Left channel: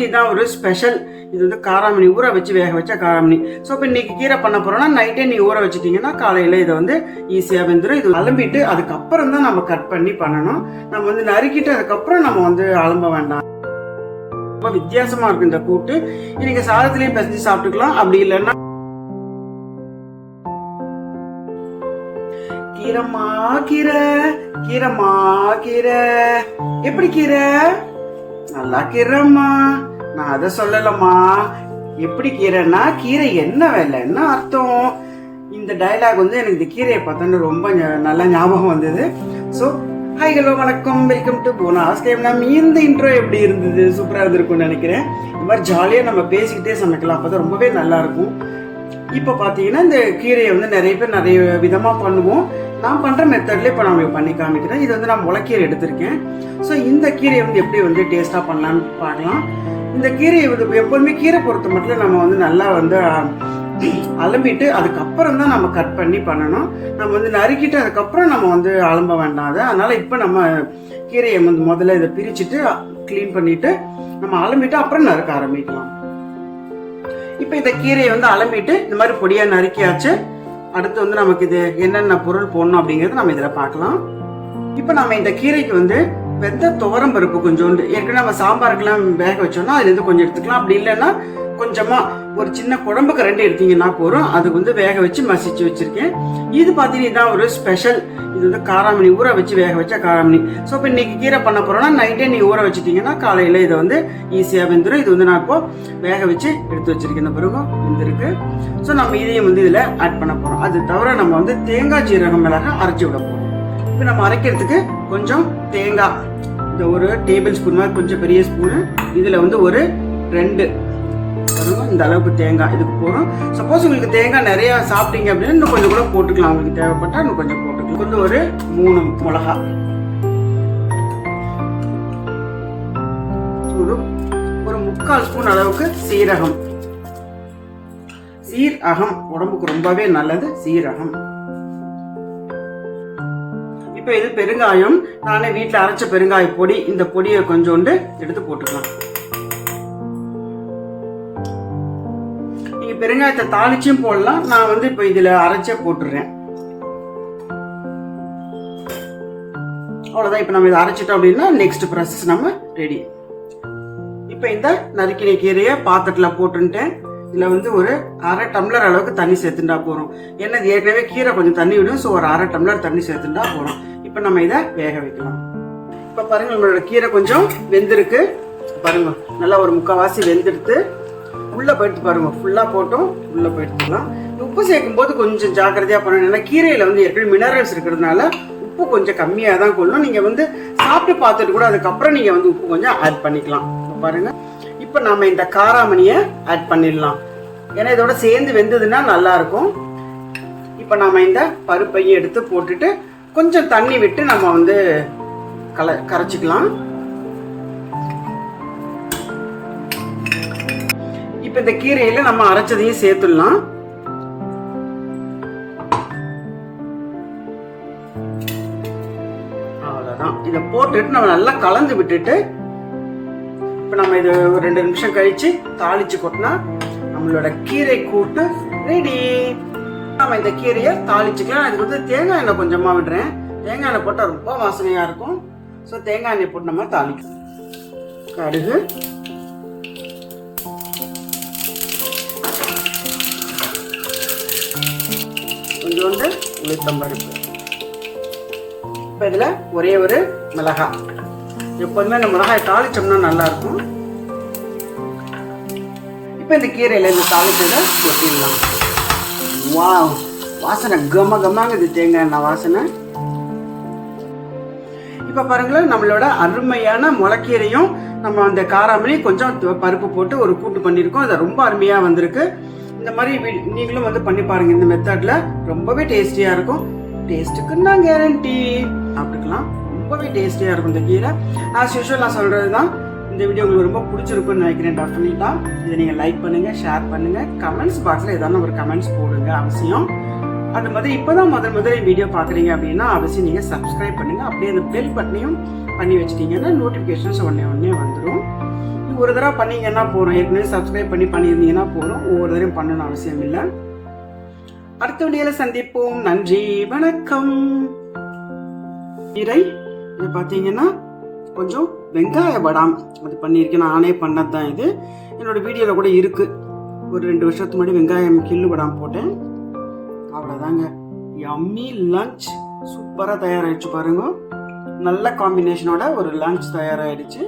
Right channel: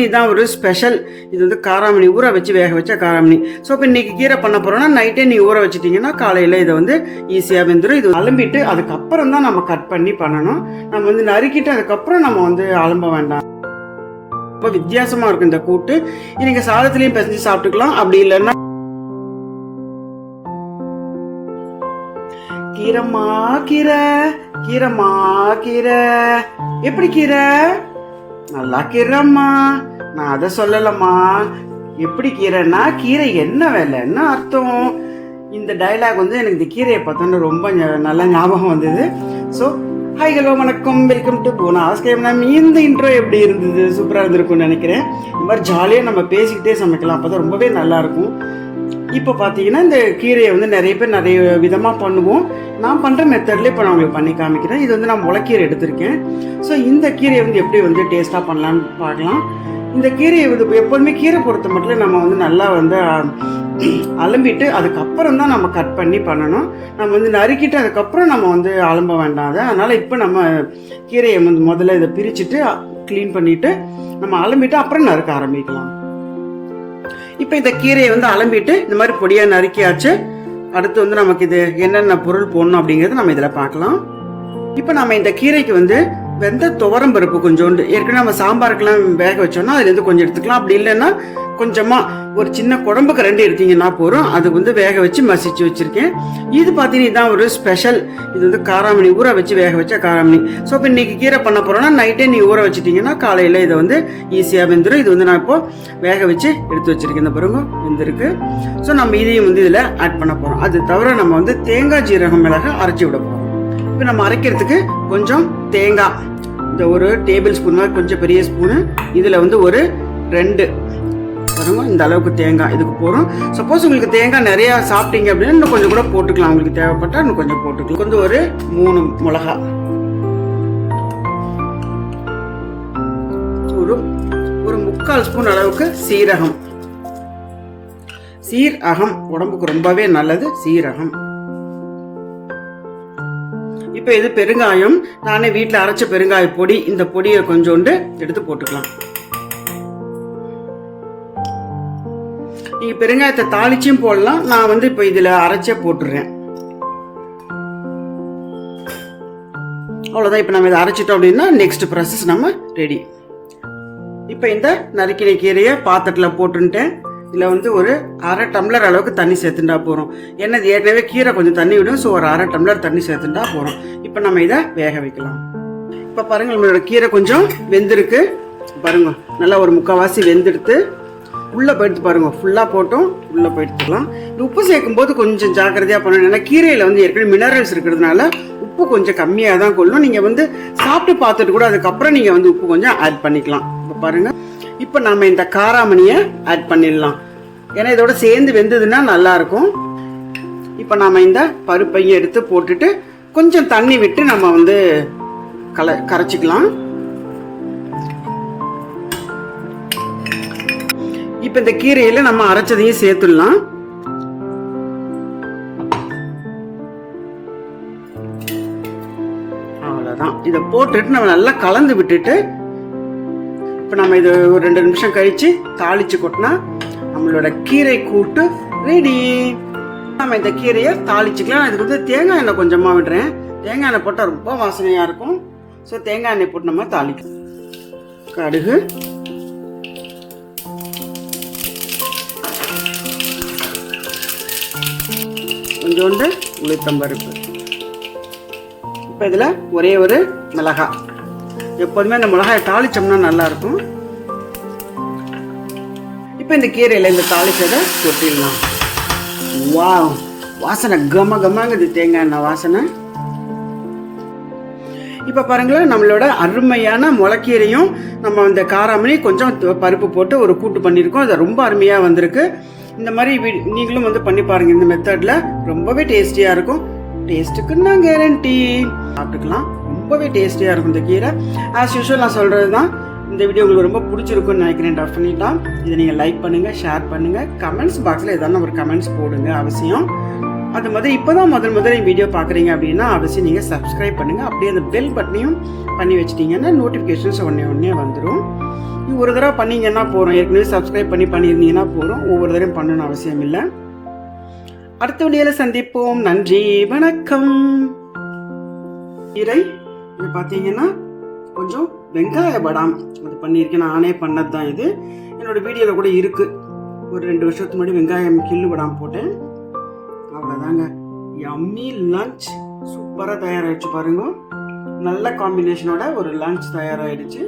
இதுதான் ஒரு ஸ்பெஷல் இது வந்து காராமணி ஊற வச்சு வேக வச்ச காராமணி. ஸோ இப்போ இன்னைக்கு கீரை பண்ண போறோம்னா நைட்டே நீ ஊற வச்சிட்டீங்கன்னா காலையில இதை வந்து ஈஸியாக வெந்துடும் இது அலம்பிட்டு அதுக்கப்புறம் தான் நம்ம கட் பண்ணி பண்ணணும். நம்ம வந்து நறுக்கிட்டு அதுக்கப்புறம் நம்ம வந்து அலம்ப வேண்டாம். ரொம்ப வித்தியாசமா இருக்கும் இந்த கூட்டு. இது நீங்க பெசஞ்சு பிசைஞ்சு சாப்பிட்டுக்கலாம். அப்படி இல்லைன்னா கீரைமா கீரை கீரைமா கீரை. எப்படி கீரை? நல்லா கீரைம்மா. நான் அதை சொல்லலம்மா. எப்படி கீரைன்னா கீரை என்ன வேலை? என்ன அர்த்தம்? இந்த டயலாக் வந்து எனக்கு இந்த கீரையை பார்த்தோன்னு ரொம்ப நல்லா ஞாபகம் வந்தது. ஸோ ஹாய் ஹலோ வணக்கம். வெல்கம் டு போனாஸ் கேம் நம்ம இந்த இன்ட்ரோ எப்படி இருந்தது? சூப்பராக இருந்திருக்கும்னு நினைக்கிறேன். இந்த மாதிரி ஜாலியாக நம்ம பேசிக்கிட்டே சமைக்கலாம். அப்போ தான் ரொம்பவே நல்லா இருக்கும். இப்போ பார்த்தீங்கன்னா இந்த கீரையை வந்து நிறைய பேர் நிறைய விதமாக பண்ணுவோம். நான் பண்ணுற மெத்தட்லேயே இப்போ நான் உங்களுக்கு பண்ணி காமிக்கிறேன். இது வந்து நான் முளைக்கீரை எடுத்திருக்கேன். ஸோ இந்த கீரையை வந்து எப்படி வந்து டேஸ்ட்டாக பண்ணலான்னு பார்க்கலாம். இந்த கீரையை வந்து எப்போதுமே கீரை பொறுத்த மட்டும் நம்ம வந்து நல்லா வந்து அலம்பிட்டு அதுக்கப்புறம் தான் நம்ம கட் பண்ணி பண்ணணும். நம்ம வந்து நறுக்கிட்டு அதுக்கப்புறம் நம்ம வந்து அலம்ப வேண்டாம் அதை. அதனால் இப்போ நம்ம கீரையை வந்து முதல்ல இதை பிரிச்சுட்டு க்ளீன் பண்ணிவிட்டு நம்ம அலம்பிட்டு அப்புறம் நறுக்க ஆரம்பிக்கலாம். இப்போ இந்த கீரையை வந்து அலம்பிட்டு இந்த மாதிரி பொடியாக நறுக்கியாச்சு. அடுத்து வந்து நமக்கு இது என்னென்ன பொருள் போடணும் அப்படிங்கிறது நம்ம இதில் பார்க்கலாம். இப்போ நம்ம இந்த கீரைக்கு வந்து வெந்த துவரம் பருப்பு கொஞ்சோண்டு. ஏற்கனவே நம்ம சாம்பாருக்கெல்லாம் வேக வச்சோம்னா அதுலேருந்து கொஞ்சம் எடுத்துக்கலாம். அப்படி இல்லைன்னா கொஞ்சமாக ஒரு சின்ன குழம்பு ரெண்டு எடுத்தீங்கன்னா போதும். அது வந்து வேக வச்சு மசிச்சு வச்சுருக்கேன். இது பார்த்தீங்கன்னா இதுதான் ஒரு ஸ்பெஷல் இது வந்து காராமணி ஊற வச்சு வேக வச்ச காராமணி. ஸோ இப்போ இன்றைக்கி கீரை பண்ண போகிறோன்னா நைட்டே நீ ஊற வச்சுட்டிங்கன்னா காலையில் இதை வந்து ஈஸியாக வெந்துடும் இது வந்து நான் இப்போது வேக வச்சு எடுத்து வச்சிருக்கேன். இந்த பிறகு வெந்திருக்கு. ஸோ நம்ம இதையும் வந்து இதில் ஆட் பண்ண போகிறோம் அது தவிர நம்ம வந்து தேங்காய் ஜீரகம் மிளகா அரைச்சி விட போகிறோம் இப்போ நம்ம அரைக்கிறதுக்கு கொஞ்சம் தேங்காய். இந்த ஒரு டேபிள் ஸ்பூன் மாதிரி கொஞ்சம் பெரிய ஸ்பூனு இதில் வந்து ஒரு ரெண்டு. பாருங்க இந்த அளவுக்கு தேங்காய் இதுக்கு போகிறோம் சப்போஸ் உங்களுக்கு தேங்காய் நிறையா சாப்பிட்டீங்க அப்படின்னா இன்னும் கொஞ்சம் கூட போட்டுக்கலாம். உங்களுக்கு தேவைப்பட்டா இன்னும் கொஞ்சம் போட்டுக்கலாம். கொஞ்சம் ஒரு மூணு மிளகா. ஒரு ஒரு முக்கால் ஸ்பூன் அளவுக்கு சீரகம். சீரகம் உடம்புக்கு ரொம்பவே நல்லது. சீரகம். இப்போ இது பெருங்காயம். நானே வீட்டில் அரைச்ச பெருங்காய பொடி இந்த பொடியை கொஞ்சோண்டு எடுத்து போட்டுக்கலாம். நீங்கள் பெருங்காயத்தை தாளிச்சும் போடலாம். நான் வந்து இப்போ இதில் அரைச்சே போட்டுடுறேன் அவ்வளோதான் இப்போ நம்ம இதை அரைச்சிட்டோம் அப்படின்னா நெக்ஸ்ட் ப்ராசஸ் நம்ம ரெடி இப்போ இந்த நறுக்கின கீரையை பாத்திரத்தில் போட்டுன்ட்டேன். இதில் வந்து ஒரு அரை டம்ளர் அளவுக்கு தண்ணி சேர்த்துட்டா போகிறோம் ஏன்னா இது ஏற்கனவே கீரை கொஞ்சம் தண்ணி விடும் ஸோ ஒரு அரை டம்ளர் தண்ணி சேர்த்துட்டா போகிறோம் இப்போ நம்ம இதை வேக வைக்கலாம். இப்போ பாருங்கள் நம்மளோட கீரை கொஞ்சம் வெந்திருக்கு. பாருங்க நல்லா ஒரு முக்கால்வாசி வெந்தெடுத்து உள்ளே போயிடுத்து பாருங்கள் ஃபுல்லாக போட்டும் உள்ளே போயிடுத்துக்கலாம் உப்பு சேர்க்கும் போது கொஞ்சம் ஜாக்கிரதையாக பண்ணணும். ஏன்னா கீரையில் வந்து ஏற்கனவே மினரல்ஸ் இருக்கிறதுனால உப்பு கொஞ்சம் கம்மியாக தான் கொள்ளும் நீங்கள் வந்து சாப்பிட்டு பார்த்துட்டு கூட அதுக்கப்புறம் நீங்கள் வந்து உப்பு கொஞ்சம் ஆட் பண்ணிக்கலாம். இப்போ பாருங்கள் இப்போ நம்ம இந்த காராமணியை ஆட் பண்ணிடலாம். ஏன்னா இதோட சேர்ந்து வெந்ததுன்னா நல்லாயிருக்கும். இப்போ நம்ம இந்த பருப்பையும் எடுத்து போட்டுட்டு கொஞ்சம் தண்ணி விட்டு நம்ம வந்து கல கரைச்சிக்கலாம். இப்போ இந்த கீரையில் நம்ம அரைச்சதையும் சேர்த்துடலாம். அவ்வளோதான் இதை போட்டுட்டு நம்ம நல்லா கலந்து விட்டுட்டு இப்போ நம்ம இதை ஒரு ரெண்டு நிமிஷம் கழித்து தாளித்து கொட்டினா நம்மளோட கீரை கூட்டு ரெடி நம்ம இந்த கீரையை தாளிச்சுக்கலாம். அதுக்கு வந்து தேங்காய் எண்ணெய் கொஞ்சமாக விடுறேன். தேங்காய் எண்ணெய் போட்டால் ரொம்ப வாசனையாக இருக்கும். ஸோ தேங்காய் எண்ணெய் போட்டு நம்ம தாளிக்கலாம். கடுகு. கொஞ்சோண்டு உளுத்தம்பருப்பு. இப்போ இதில் ஒரே ஒரு மிளகாய். எப்போதுமே இந்த மிளகாயை தாளிச்சோம்னா நல்லாயிருக்கும். இப்போ இந்த கீரையில் இந்த தாளிச்சதை கொட்டிடலாம். வா வாசனை கம கமாங்குது தேங்காய் எண்ணெய் வாசனை. இப்போ பாருங்களேன் நம்மளோட அருமையான முளக்கீரையும் நம்ம அந்த காராமணி கொஞ்சம் பருப்பு போட்டு ஒரு கூட்டு பண்ணியிருக்கோம். அது ரொம்ப அருமையாக வந்திருக்கு. இந்த மாதிரி நீங்களும் வந்து பண்ணி பாருங்கள் இந்த மெத்தடில் ரொம்பவே டேஸ்டியாக இருக்கும். டேஸ்ட்டுக்கு நான் கேரண்டி சாப்பிட்டுக்கலாம். ரொம்பவே டேஸ்டியாக இருக்கும் இந்த கீரை. ஆஸ் யூஷுவல் நான் சொல்கிறது தான் இந்த வீடியோ உங்களுக்கு ரொம்ப பிடிச்சிருக்குன்னு நினைக்கிறேன் டெஃபினட்டாக இதை நீங்கள் லைக் பண்ணுங்கள் ஷேர் பண்ணுங்கள் கமெண்ட்ஸ் பாக்ஸில் எதனா ஒரு கமெண்ட்ஸ் போடுங்க அவசியம். அது மாதிரி இப்போ தான் முதல் முதல் வீடியோ பார்க்குறீங்க அப்படின்னா அவசியம் நீங்கள் சப்ஸ்கிரைப் பண்ணுங்கள் அப்படியே அந்த பெல் பட்டனையும் பண்ணி வச்சிட்டிங்கன்னா நோட்டிஃபிகேஷன்ஸ் உடனே உடனே வந்துடும் ஒரு தடவை பண்ணிங்கன்னா போகிறோம் ஏற்கனவே சப்ஸ்கிரைப் பண்ணி பண்ணியிருந்தீங்கன்னா போதும். ஒவ்வொரு தடவையும் பண்ணணும்னு அவசியம் இல்லை. அடுத்த வீடியோவில் சந்திப்போம். நன்றி வணக்கம். இறை இது பார்த்தீங்கன்னா கொஞ்சம் வெங்காய படாம் அது பண்ணியிருக்கேன். நானே பண்ணது தான் இது. என்னோட வீடியோவில் கூட இருக்குது ஒரு ரெண்டு வருஷத்துக்கு முன்னாடி வெங்காயம் கில்லு படாம் போட்டேன். அவ்வளோதாங்க யம்மி லஞ்ச் சூப்பராக தயாராகிடுச்சு பாருங்க. நல்ல காம்பினேஷனோட ஒரு லஞ்ச் தயாராகிடுச்சு